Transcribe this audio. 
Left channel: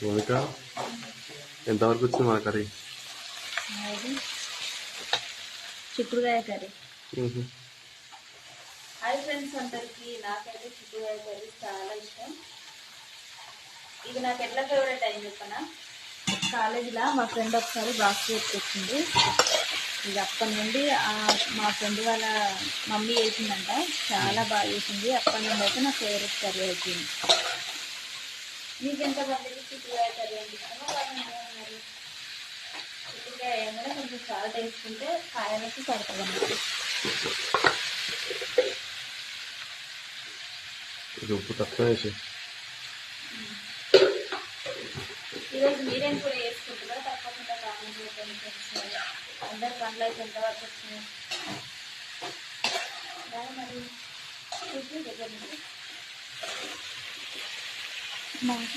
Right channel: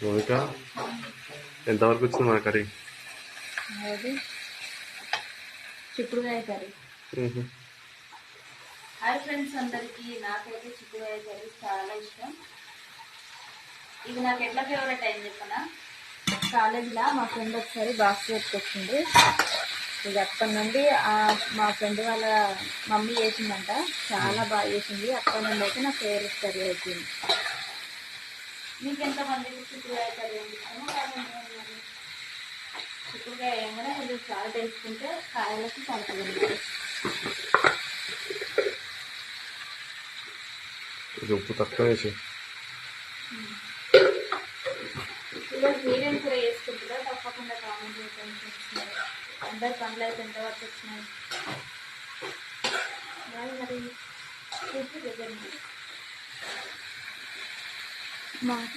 మౌనిక ఎంతవరకు వచ్చింది మన కర్రీ? అది చిక్కుడుకాయ కర్రీ. హాయ్ ఫ్రెండ్స్ అందరికీ, నాకైతే చిక్కుడుకాయ కర్రీ చాలా ఇష్టం. ఇది నాకు ఎట్లా ఫేవరెట్ అయింది చెప్పనా, కాలేజీలో మా ఫ్రెండ్ ఒకసారి బాక్స్ పెట్టుకొచ్చింది. ఇక అక్కడి నుండి మా ఫ్రెండ్ వాళ్ళ మమ్మీ చేసిందంట, చాలా బాగా చేసింది. అక్కడి నుండి అయితే నా ఫేవరెట్ కర్రీ అయిపోయింది. మీకు ఎంతమందికి చిక్కుడుకాయ కర్రీ అంటే ఇష్టమో మరి చిక్కుడుకాయ ఏమైనా కొంచెం సాల్ట్ వేసుకుంటే కాయలకి పడుతుంది. ఉప్పు తక్కువ వేసి ఈరోజు మీరేం కూడా వేసుకుంటారో తప్పకుండా కామెంట్ చేయండి. అందరి పనులు అయితే ఎంతవరకు వచ్చినాయి మరి దగ్గర